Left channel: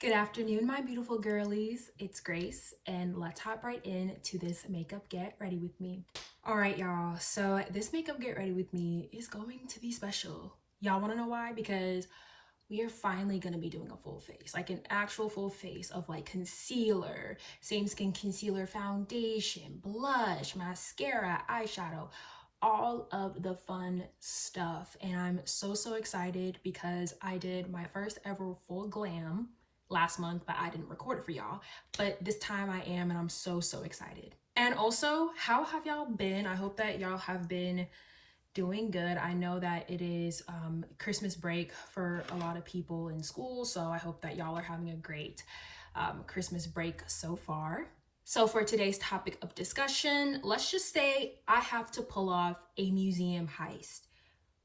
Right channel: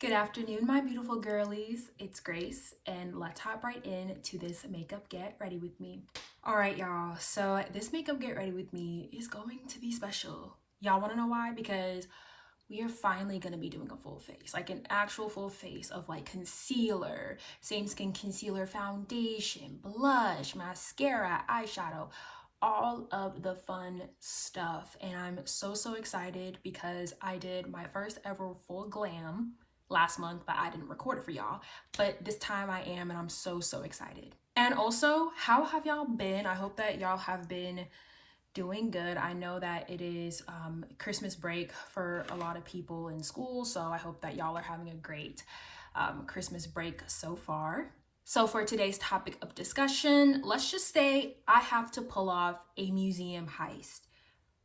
Good afternoon, my beautiful girlies. It's Grace, and let's hop right in to this makeup get ready with me. All right, y'all. So this makeup get ready with me is going to be special. Y'all want to know why? Because we are finally going to be doing a full face, like an actual full face of like concealer, same skin concealer, foundation, blush, mascara, eyeshadow, all of the fun stuff. And I'm so excited because I did my first ever full glam last month, but I didn't record it for y'all. But this time I am, and I'm so excited. And also, how have y'all been? I hope that y'all have been doing good. I know that it is Christmas break for a lot of people in school, so I hope that y'all are having a great Christmas break so far. So for today's topic of discussion, let's just say I have to pull off a museum heist.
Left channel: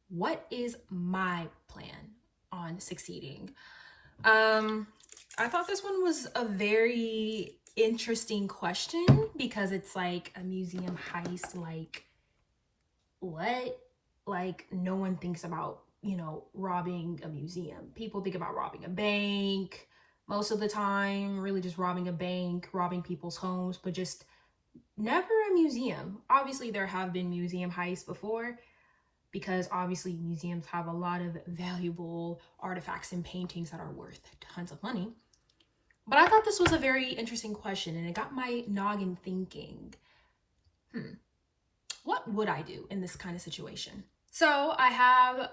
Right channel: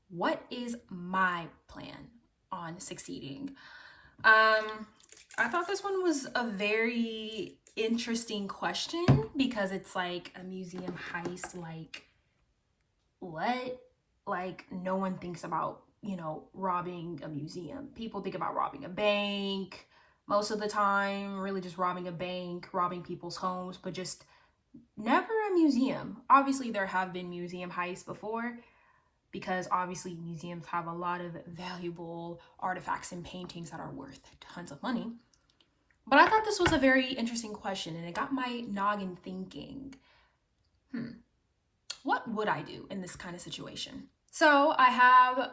What is my plan on succeeding? I thought this one was a very interesting question because it's like a museum heist, like what? Like no one thinks about, robbing a museum. People think about robbing a bank most of the time, really just robbing a bank, robbing people's homes, but just never a museum. Obviously, there have been museum heists before because obviously museums have a lot of valuable artifacts and paintings that are worth tons of money. But I thought this was a very interesting question, and it got my noggin thinking, what would I do in this kind of situation? So I have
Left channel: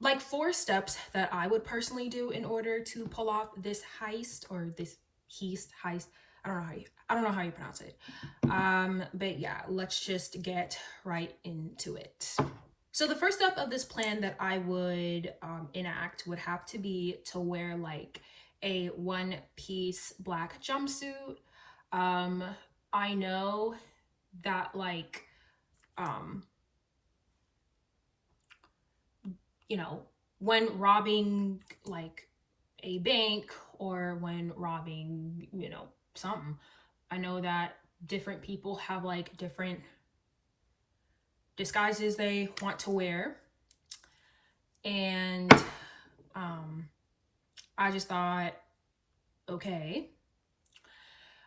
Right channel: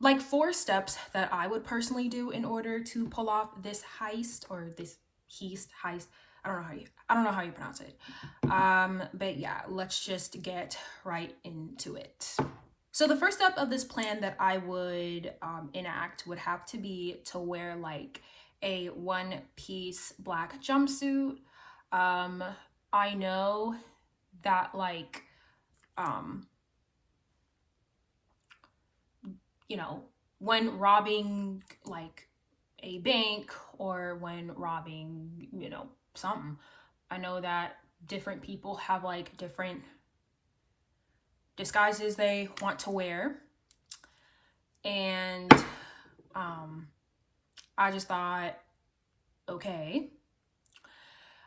like 4 steps that I would personally do in order to pull off this heist, or this heist. I don't know how you pronounce it. But yeah, let's just get right into it. So the first step of this plan that I would enact would have to be to wear like a one-piece black jumpsuit. I know that like, when robbing like a bank or when robbing, something, I know that different people have like different disguises they want to wear. And I just thought, okay,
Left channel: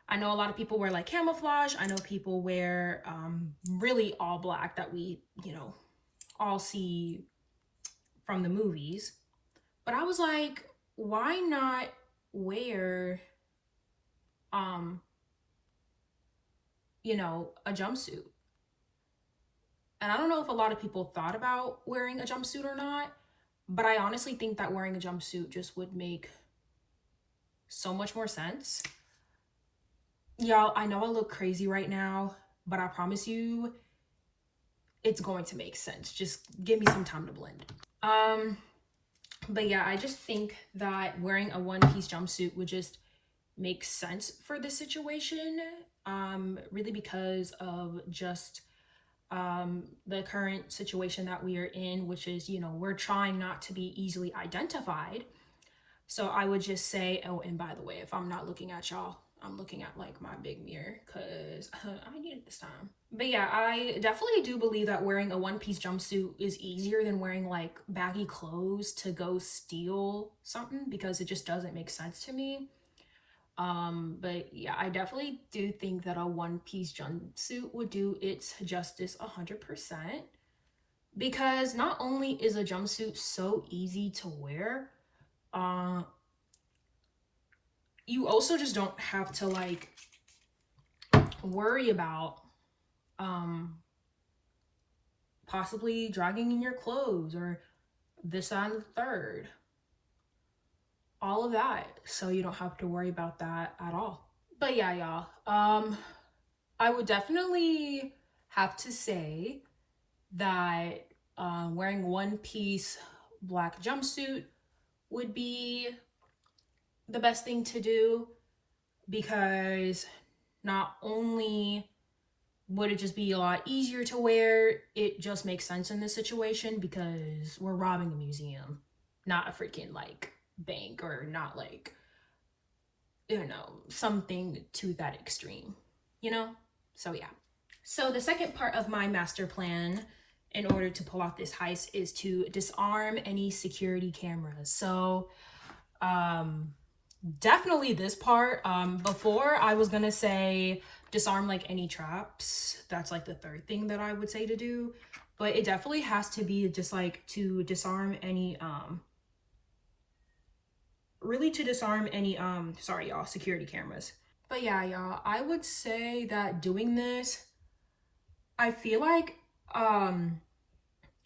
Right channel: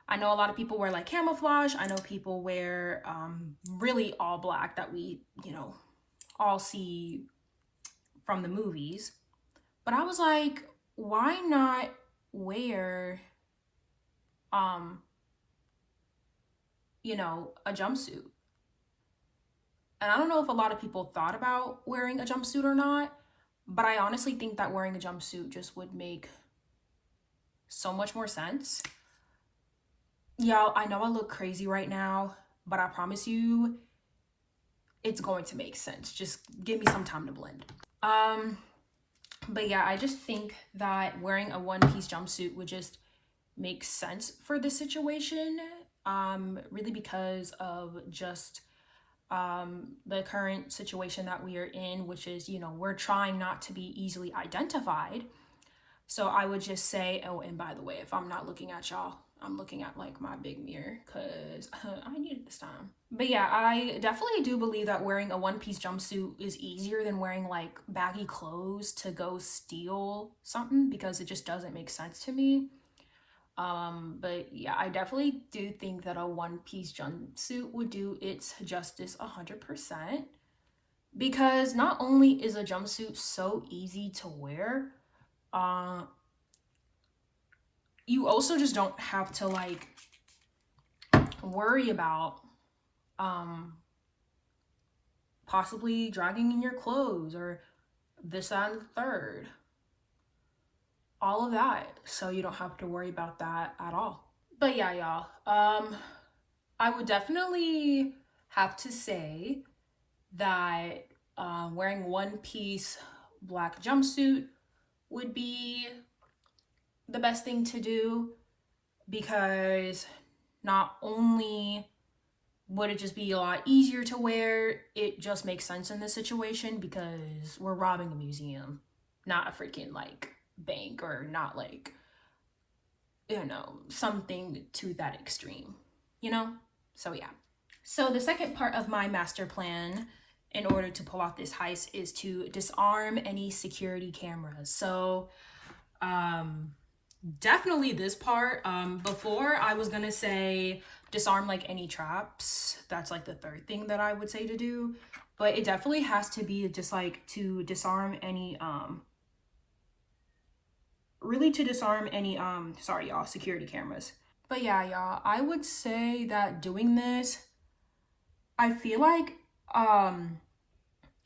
I know a lot of people wear like camouflage. I know people wear really all black that we, all see from the movies. But I was like, why not wear, a jumpsuit? And I don't know if a lot of people thought about wearing a jumpsuit or not, but I honestly think that wearing a jumpsuit just would make so much more sense. Y'all, I know I look crazy right now, but I promise you it's going to make sense. Just give me some time to blend. But yeah, I just think that wearing a one-piece jumpsuit would just make sense for this situation, really because of just the current situation that we are in, which is, we're trying not to be easily identified. So I would just say, oh, and by the way, if I'm not looking at y'all, I'm looking at like my big mirror because I need it this time. But yeah, I definitely do believe that wearing a one-piece jumpsuit is easier than wearing like baggy clothes to go steal something, because it just doesn't make sense to me. But yeah, I definitely do think that a one-piece jumpsuit would do its justice 100%, because not only is a jumpsuit so easy to wear, you also just don't have to like worry about possibly dragging in your clothes or this and the third, all of that. So you don't have to worry about that at all. But yeah, y'all, I would definitely have to say that wearing one-piece black jumpsuit would be the best thing to do, because not only would it just be a lot easier to wear, it just makes sense in this situation because we're robbing a museum, not a freaking like bank, or not like, something to that extreme, So yeah. So the second part of my master plan in order to pull off this heist is to disarm any security cameras. So definitely this part. Before I was gonna say disarm like any traps. That's like the third thing that I would say to do. But it definitely has to be just like to disarm any really to disarm any sorry y'all, security cameras. But yeah, y'all, I would say that doing this, I feel like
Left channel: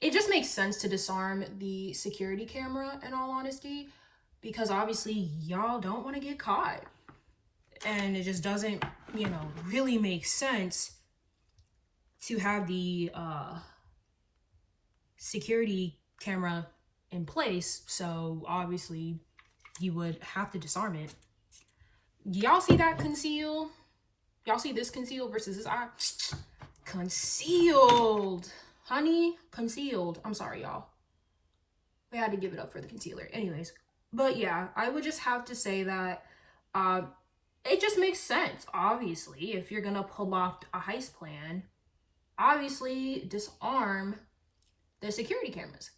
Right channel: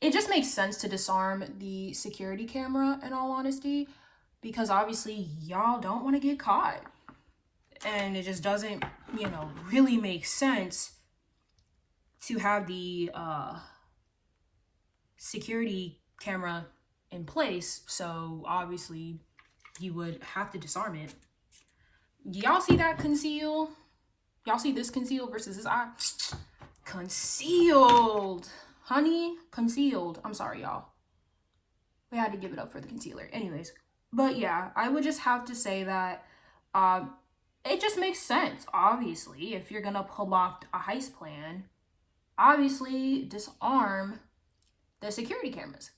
it just makes sense to disarm the security camera, in all honesty, because obviously y'all don't want to get caught. And it just doesn't, you know, really make sense to have the security camera in place. So obviously you would have to disarm it. Y'all see that conceal? Y'all see this conceal versus this eye? Concealed. Honey, concealed. I'm sorry, y'all. We had to give it up for the concealer. Anyways, but yeah, I would just have to say that it just makes sense. Obviously, if you're gonna pull off a heist plan, obviously disarm the security cameras.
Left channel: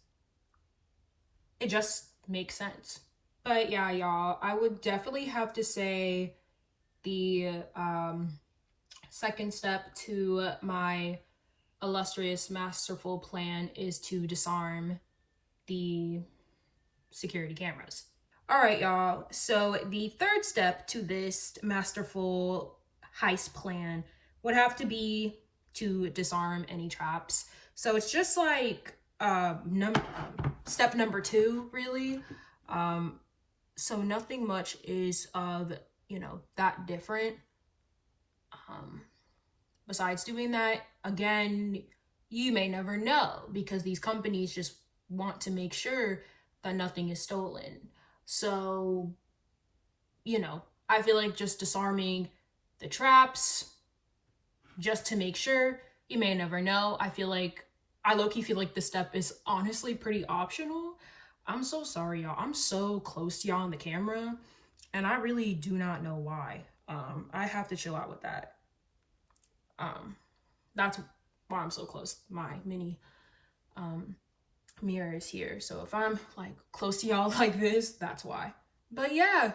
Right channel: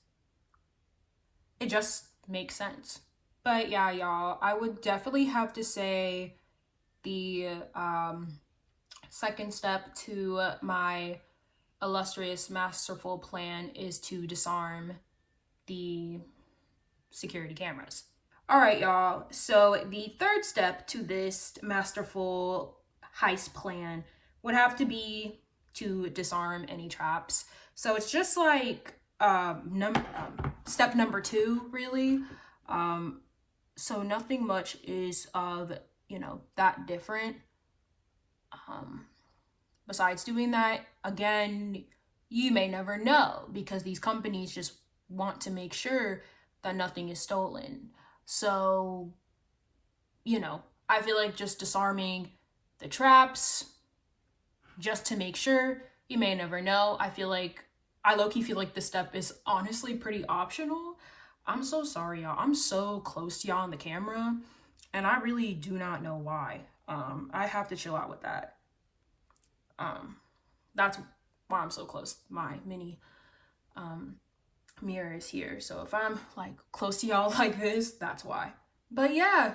It just makes sense. But yeah, y'all, I would definitely have to say the second step to my illustrious masterful plan is to disarm the security cameras. All right, y'all. So the third step to this masterful heist plan would have to be to disarm any traps. So it's just like step number 2, really. So nothing much is of, you know, that different. Besides doing that, again, you may never know, because these companies just want to make sure that nothing is stolen. So, you know, I feel like just disarming the traps just to make sure, you may never know. I low-key feel like this step is honestly pretty optional. I'm so sorry, y'all. I'm so close to y'all on the camera, and I really do not know why. I have to chill out with that. That's why I'm so close. My mini mirror is here. So if I'm like close to y'all like this, that's why. But yeah,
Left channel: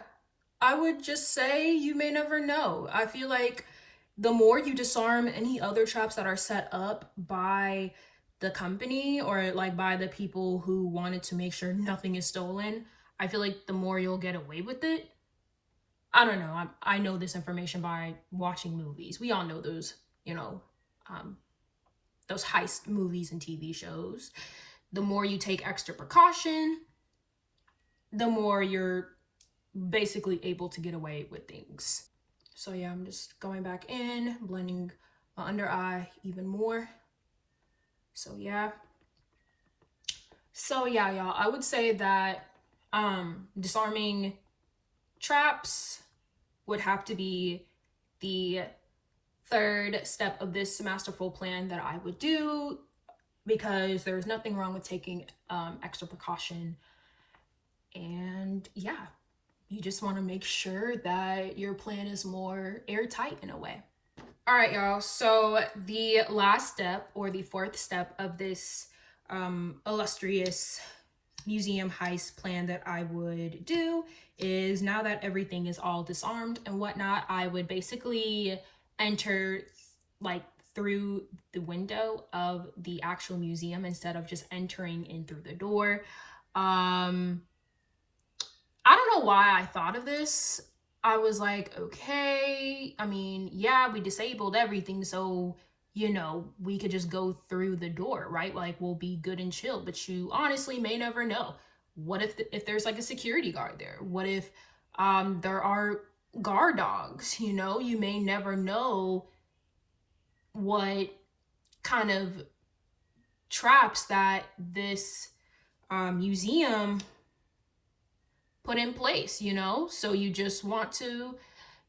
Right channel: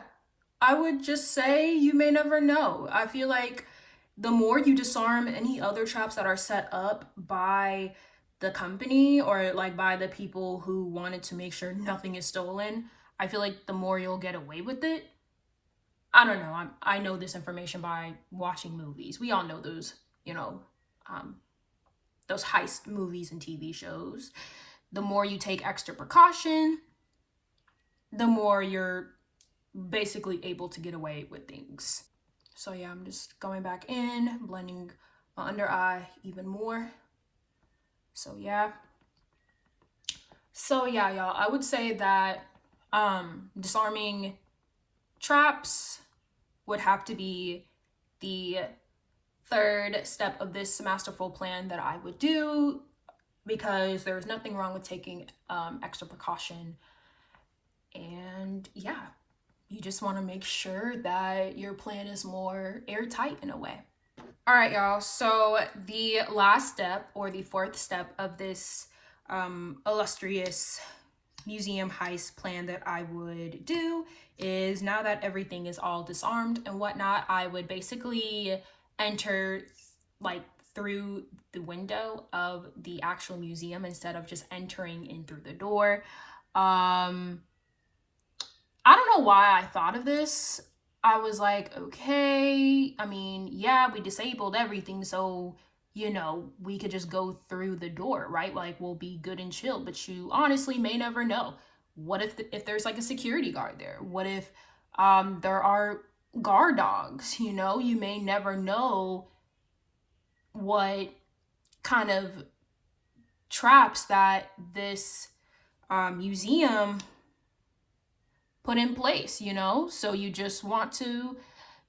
I would just say you may never know. I feel like the more you disarm any other traps that are set up by the company or like by the people who wanted to make sure nothing is stolen, I feel like the more you'll get away with it. I don't know. I know this information by watching movies. We all know those, you know, those heist movies and TV shows. The more you take extra precaution, the more you're basically able to get away with things. So yeah, I'm just going back in, blending my under eye even more. So yeah, y'all, I would say that disarming traps would have to be the third step of this masterful plan that I would do, because there's nothing wrong with taking extra precaution. And yeah, you just want to make sure that your plan is more airtight in a way. All right, y'all. So the last step, or the fourth step of this illustrious museum heist plan that I would do is, now that everything is all disarmed and whatnot, I would basically enter like through the window of the actual museum instead of just entering in through the door. I don't know why I thought of this. I was like, okay, I mean, yeah, we disabled everything, so, you know, we could just go through the door, right? Like, we'll be good and chill. But you honestly may never know. What if there's like a security guard there? What if there are guard dogs? You know, you may never know what kind of traps that this museum put in place, you know? So you just want to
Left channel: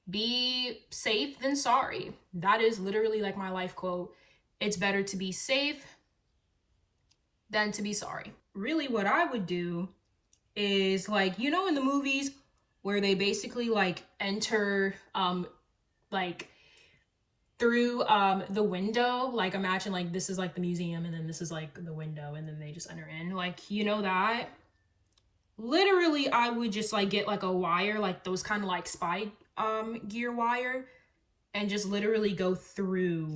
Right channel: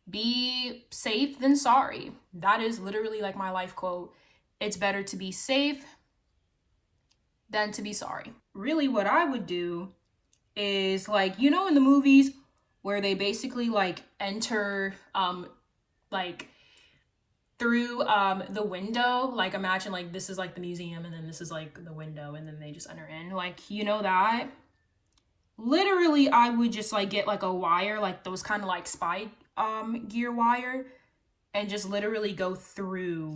be safe than sorry. That is literally like my life quote. It's better to be safe than to be sorry. Really, what I would do is, like, you know, in the movies where they basically like enter like through the window, like imagine like this is like the museum and then this is like the window and then they just enter in, like, you know, that literally I would just like get like a wire, like those kind of like spy gear wire, and just literally go through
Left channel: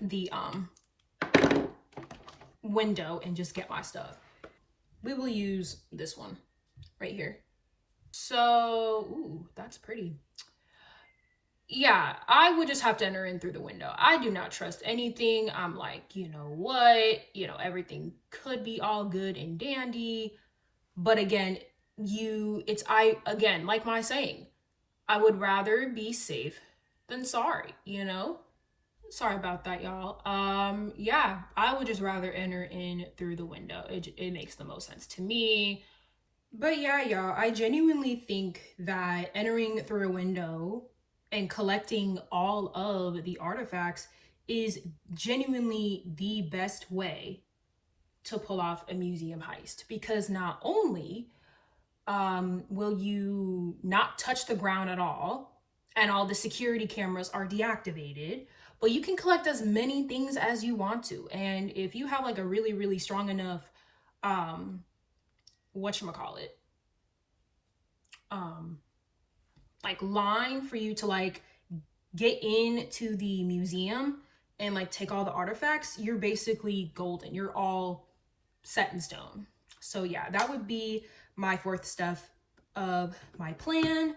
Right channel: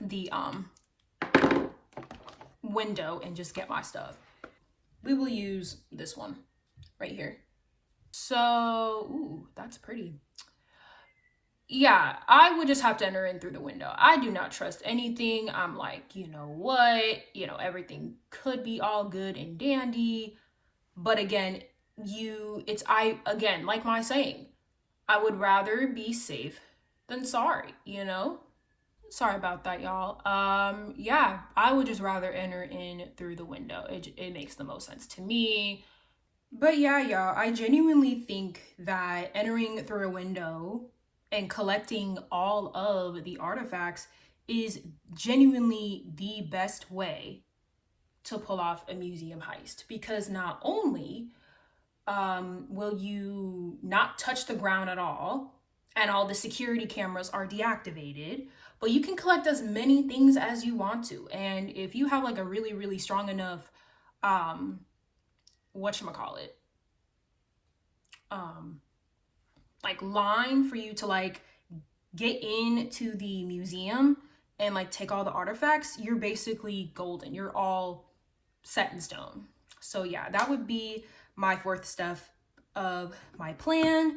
the window and just get my stuff. We will use this one right here. So, ooh, that's pretty. Yeah, I would just have to enter in through the window. I do not trust anything. I'm like, you know what? You know, everything could be all good and dandy. But again, again, like my saying, I would rather be safe than sorry, you know? Sorry about that, y'all. Yeah, I would just rather enter in through the window. It makes the most sense to me. But yeah, y'all, I genuinely think that entering through a window and collecting all of the artifacts is genuinely the best way to pull off a museum heist, because not only will you not touch the ground at all and all the security cameras are deactivated, but you can collect as many things as you want to. And if you have like a really, really strong enough whatchamacallit, like line for you to like get into the museum and like take all the artifacts, you're basically golden. You're all set in stone. So yeah, that would be my fourth step of my plan,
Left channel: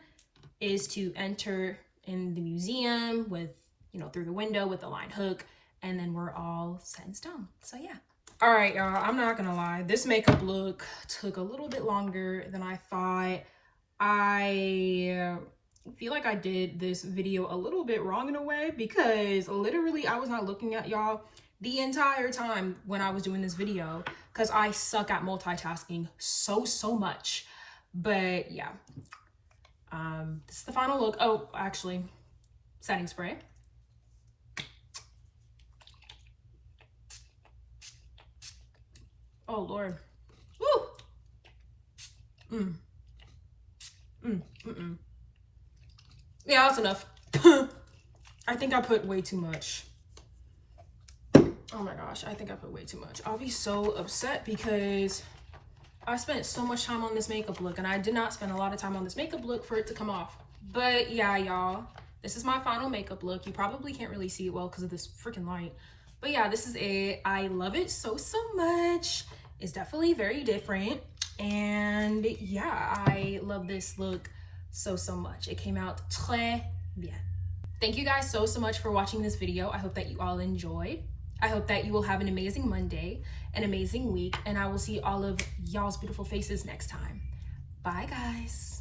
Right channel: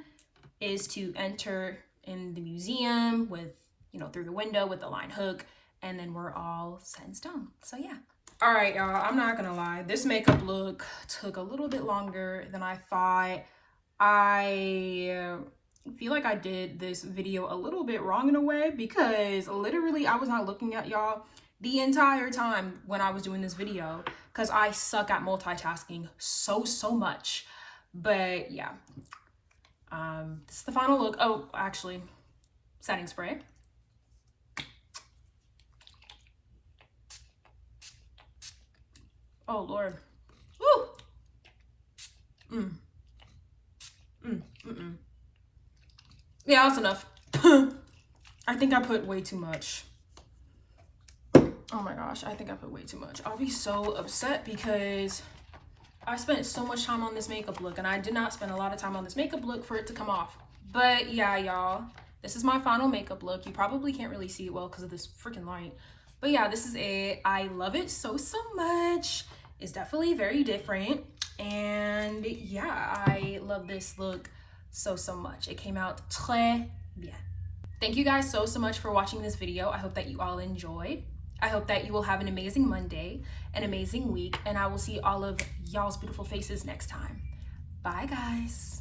is to enter in the museum with, you know, through the window with the line hook, and then we're all set in stone. So yeah. All right, y'all, I'm not gonna lie. This makeup look took a little bit longer than I thought. I feel like I did this video a little bit wrong in a way, because literally I was not looking at y'all the entire time when I was doing this video, because I suck at multitasking so much. But yeah, this is the final look. Oh, actually, setting spray. Oh Lord. Woo. Yeah, that's enough. I think I put way too much. Oh my gosh, I think I put way too much. I'll be so upset because I spent so much time on this makeup look, and I did not spend a lot of time on this makeup look for it to come off. But yeah, y'all, this is my final makeup look. You probably can't really see it well because of this freaking light. But yeah, this is it. I love it so much. It's definitely very different. And yeah, I love this look so much. It came out très bien. Thank you guys so much for watching this video. I hope that you all enjoyed. I hope that you will have an amazing Monday, an amazing week, and I will see all of y'all's beautiful faces next time. Bye, guys.